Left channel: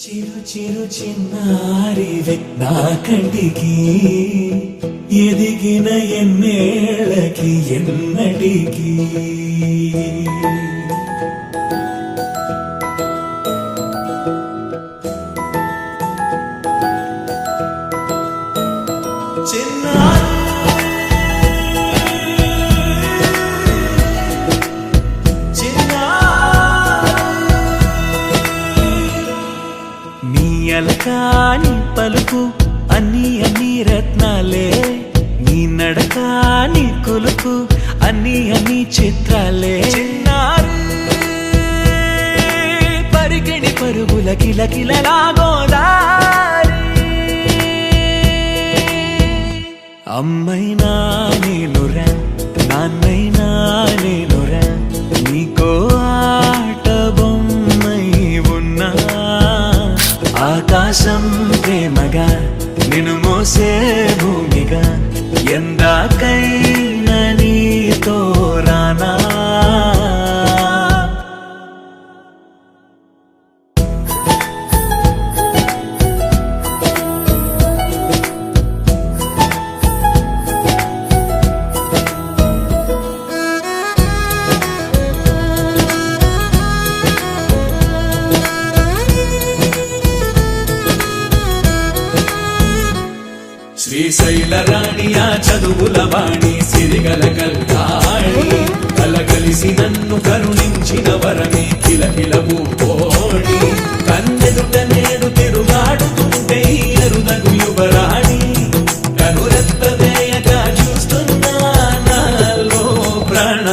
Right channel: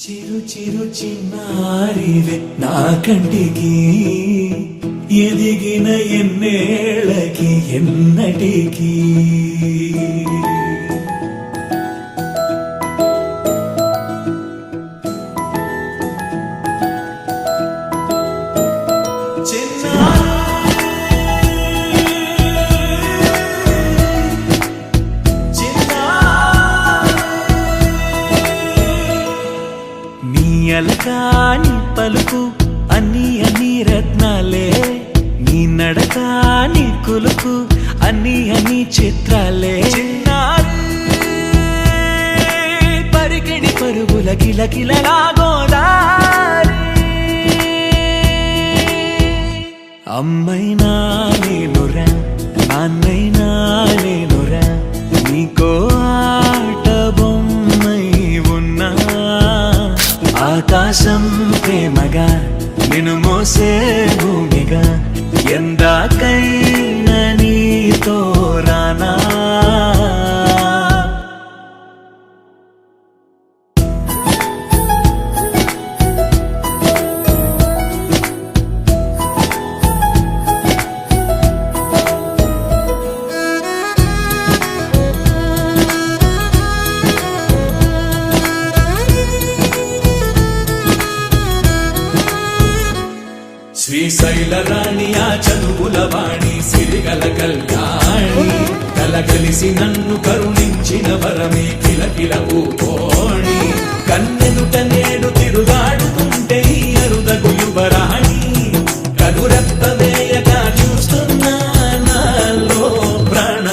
చిరు చిరు చిన్నారివే నా కంటికి ఎదిగిన ఎన్నేళ్ళకి ఎన్నటికి అలకాని పలుకు అన్ని అన్ని రత్నాలే నీ నడకాని కులుకు అన్ని అన్ని చిత్రాలే చిన్నారు పరికిణి పరుగుల కిలకిలలా గోదారి అమ్మైనా నేనురా నాన్నైనా నేనురా నీకో ఆట బొమ్మై ఉన్నా ఆకాశం ప్రేమగా నిన్ను మోసే భూమిగా ఎందాకైనా నీతో రానా శ్రీశైల రాణి ఆ చదువుల వాణి సిరిగల కల్యాణి కలగలిసి నన్ను కరుణించిన వరమే కిలకిలవు కోణి కన్నెదుట నేడు తిరుగాడుతుంటే అరుదకు యువరాణి కనురెప్ప వేయక చూస్తున్నా నాలో ప్రాణ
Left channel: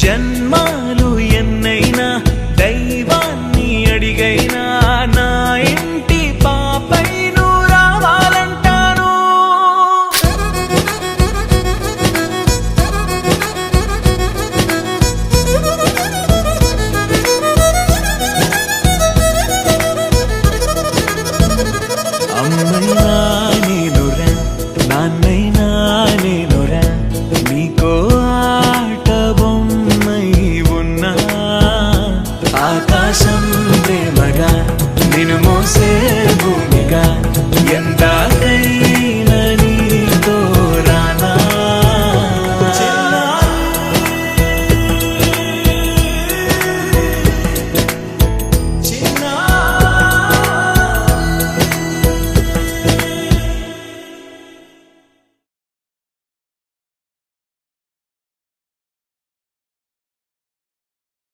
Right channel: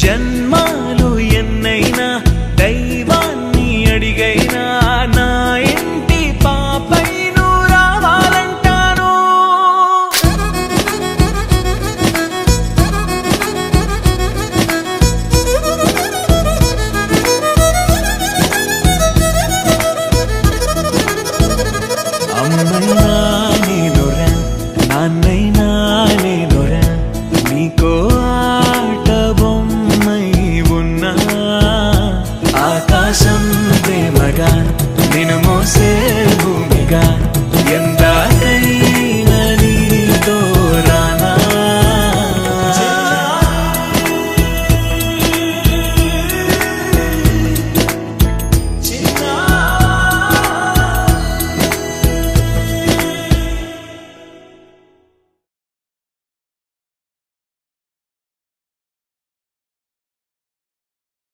జన్మాలు ఎన్నైనా దైవాన్ని అడిగైనా నా ఇంటి పాపైను రావాలంటాను అమ్మైనా నేనురా నాన్నైనా నేనురా నీకో ఆట బొమ్మై ఉన్నా ఆకాశం ప్రేమగా నిన్ను మోసే భూమిగా ఎందాకై